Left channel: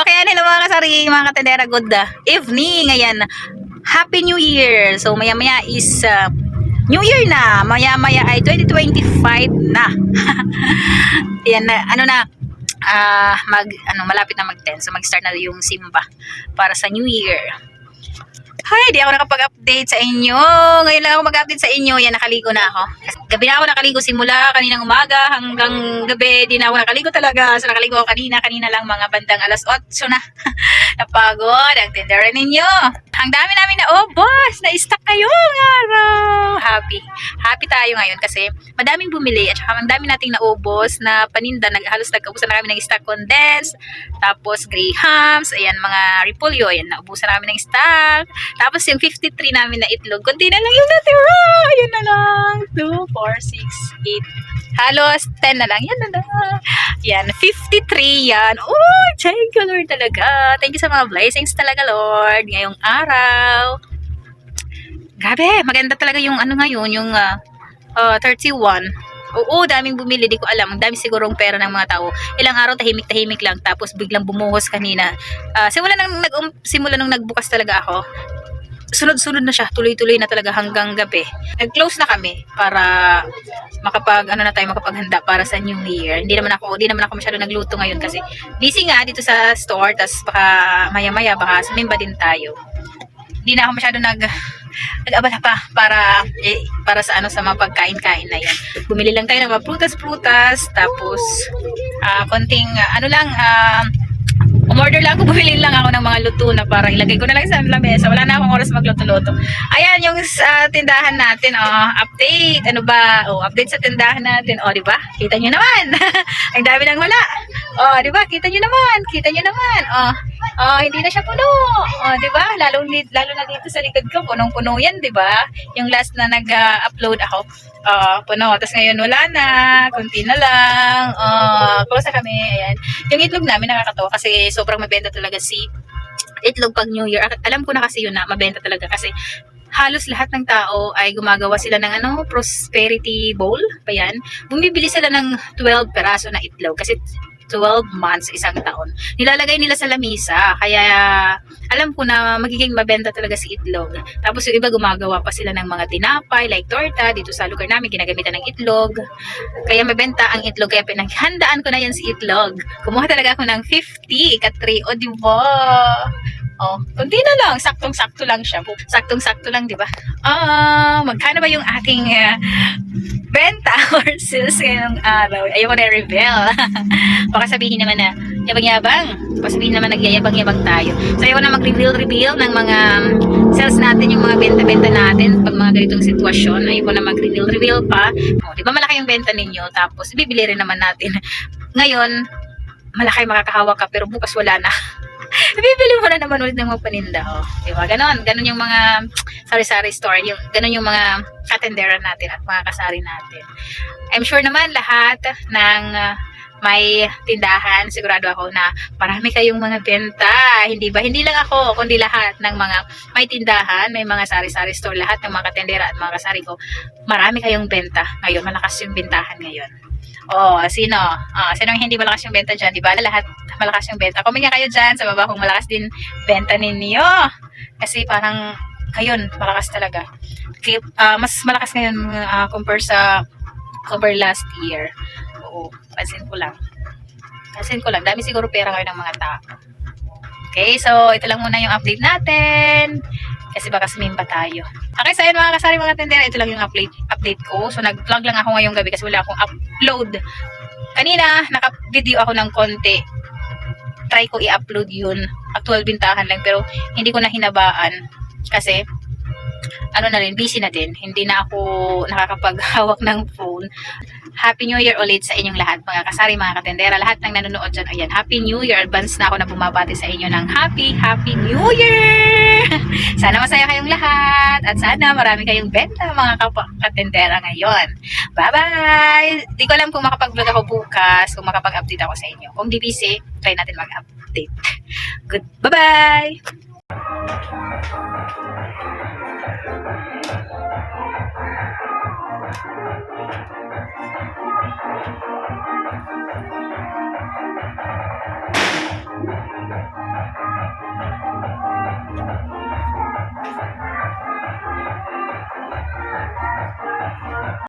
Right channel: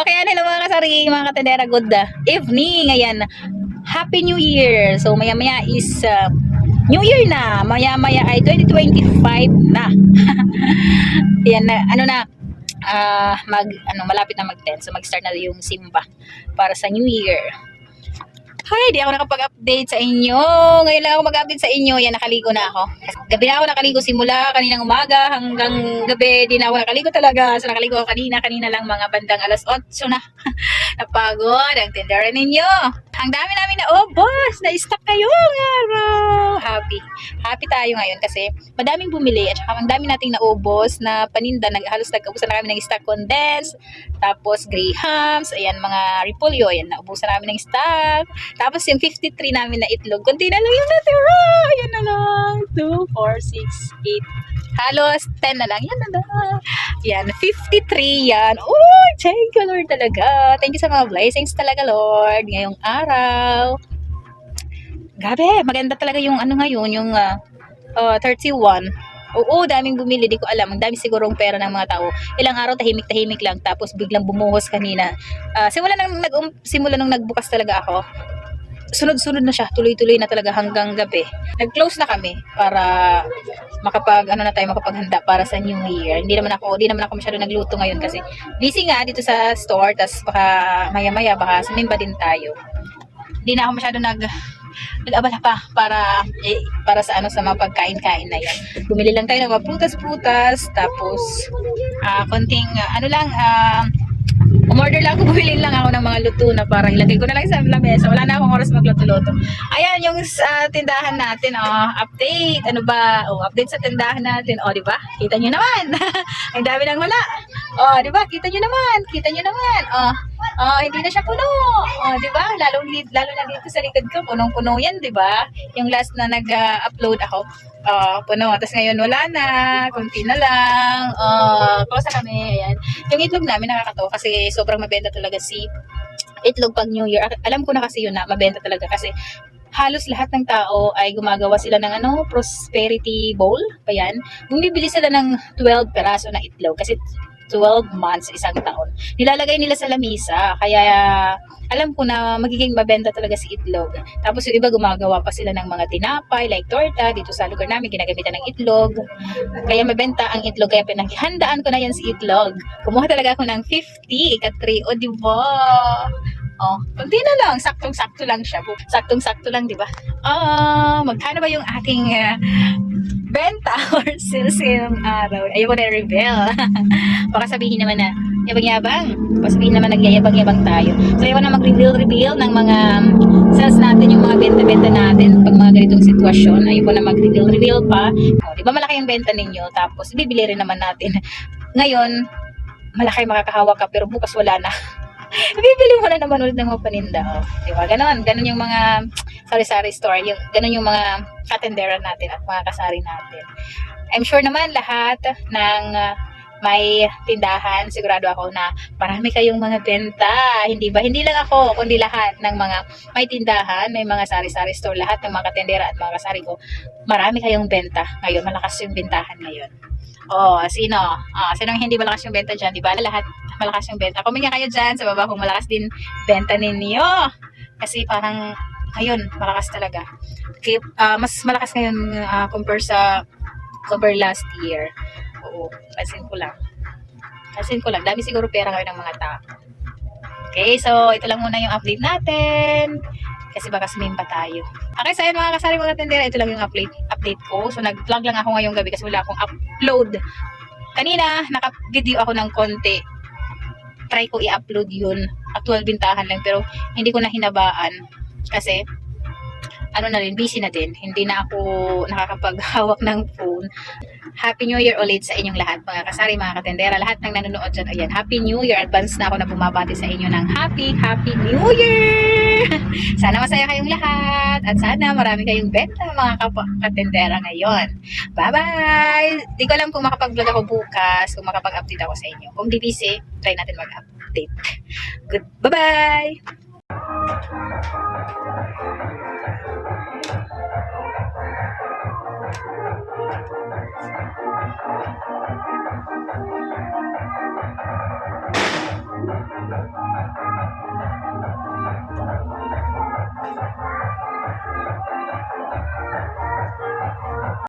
Okay, hello mga kasari, mga katendera, good evening. Ayan, Happy New Year. So maya-maya is New Year na. Maya-maya ay 2025 na. Ayan na, malapit na mag-10. So mag-start na yung simba para sa New Year. Hi, di ako nakapag-update sa inyo. Ngayon lang ako mag-update sa inyo. Yan, nakaligo na ako. Gabi na ako nakaligo simula kaninang umaga hanggang gabi. Di na ako nakaligo talaga. So nakaligo ako kanina lang mga bandang alas 8 na. Napagod ang tindera ninyo. Ang dami namin na boss, na-stock ngayong araw. Happy tayo ngayon kasi madaming bumili at saka ang dami nating naubos na paninda. Halos nagkaubusan na kami ng stock condensed. Tapos grahams, ayan mga repolyo, ayan naubusan na kami ng stock. Tapos yung 53 namin na itlog, konti na lang yung natira. Ayan na lang. 2, 4, 6, 8. Halos 10 na lang. Yan na lang. Yan, 53 yan. Oh, thank you Lord talaga. Thank you sa mga blessings talaga Lord. Ngayong araw. Grabe, maganda talaga yung ngayon, yung 31. Oo, daming bumili, di ko alam. Ang dami sigurong pera ng mga tao. Ilang araw tahimik-tahimik lang tapos biglang bumuhos kanina. Simula nung nagbukas talaga ako. Sunod-sunod na siya, tuloy-tuloy na talaga hanggang gabi. Nag-close na kami para makapaghanda para sa New Year. Hindi naman ako masyado nagluto ngayon kasi busy nga dito sa store, tas baka maya-maya baka sumimba din tayo. Hindi na ako masyado nag-abala pa para sa sa mga pagkain-kain na yan. Bumili lang tayo ng mga prutas, tapos konting umorder lang ako, bumili lang ako ng mga luto na para ilagay ko na lang sa lamesa. Wala na akong oras magluto-luto. Ayan yung tindahan natin, update. Update sa tindahan natin. Di ba? Kita nyo naman. Ang dami nang wala. Di ba? Kita nyo naman. Hindi na siya puno. Di ba? Lalo na dito sa likod ko, punong-puno yan, di ba? Yung last na nag-upload ako, puno. Tapos ngayon wala na, kunti na lang. Close na kami. Ayan. Yung itlog namin nakakatawa kasi sobrang mabenta talaga si itlog pag New Year. Alam ko na kasi yun na mabenta talaga kasi halos lahat ng tao ay gumagawa sila ng prosperity bowl pa yan. Bumibili sila ng 12 peraso na itlog kasi 12 months, isang taon. Nilalagay nila sa lamisa. Kaya alam ko na magiging mabenta talaga si itlog. Tapos yung iba gumagawa pa sila ng mga tinapay like torta. Dito sa lugar namin ginagamitan ng itlog. Kaya mabenta ang itlog. Kaya pinaghandaan ko na yan si itlog. Kumuha talaga ako ng 50 ika-3. Di ba? Kunti na lang. Saktong-sakto lang siya. Saktong-sakto lang, di ba? Magkano ba yung ating benta or sales ngayong araw? Ayoko na i-reveal. Baka sabihin naman na yabang-yabang. Baka sabihin naman nagyayabang-yabang tayo. So ayoko na mag-reveal ng mga sales natin, yung mga benta-benta natin pag mga ganitong sitwasyon. Ayoko na mag-reveal pa. Di ba malaki yung benta ninyo? Tapos bibili rin naman natin. Ngayon, malaki makakahawak ka pero bukas wala na. Bibili mo na naman ulit ng mga paninda. Di ba? Ganon yung mga sari-sari store. Ganon yung mga katendera natin at mga kasari natin. I'm sure naman lahat ng may tindahan, sigurado ako na marami kayong mga benta. Hindi ba? Hindi lang ako, kundi lahat ng mga may tindahan, may mga sari-sari store, lahat ng mga katendera at mga kasari ko, marami kayong benta. Ngayon, malakas yung bentahan ngayon. Sino yung hindi malakas yung benta dyan? Di ba? Lahat malakas yung benta. Comment nga kayo dyan sa baba kung malakas din benta ninyo. Kasi parang ngayon, malakas talaga. Mas malakas ngayon compare last year. Pansin ko lang. Dami siguro pera ngayon ng mga tao. Okay, so ito lang muna yung update natin. Kasi baka sumimba tayo. Okay, so yun mga kasari, mga tendera, ito lang yung update ko. So nag-vlog lang ako ngayong gabi kasi wala akong upload. Kanina, naka-video ako ng konti. Try ko i-upload yun. Actual bintahan lang, pero hindi ko na hinabaan. Kasi, busy na din. Hindi na ako nakakapaghawak ng phone. Happy New Year ulit sa inyong lahat, mga kasari, mga katendera, lahat ng nanonood dyan. Ayan, Happy New Year. Advance na ako na bumabati sa inyo ng Happy New Year! Sana masaya kayong lahat at sana marami kayong benta, mga katendera ngayon. Bye-bye! Di ko alam kung makapag-vlog ako bukas, kung makapag-update ako sa inyo. Kung di busy, try natin mag-update. Good. Bye-bye! Thank you.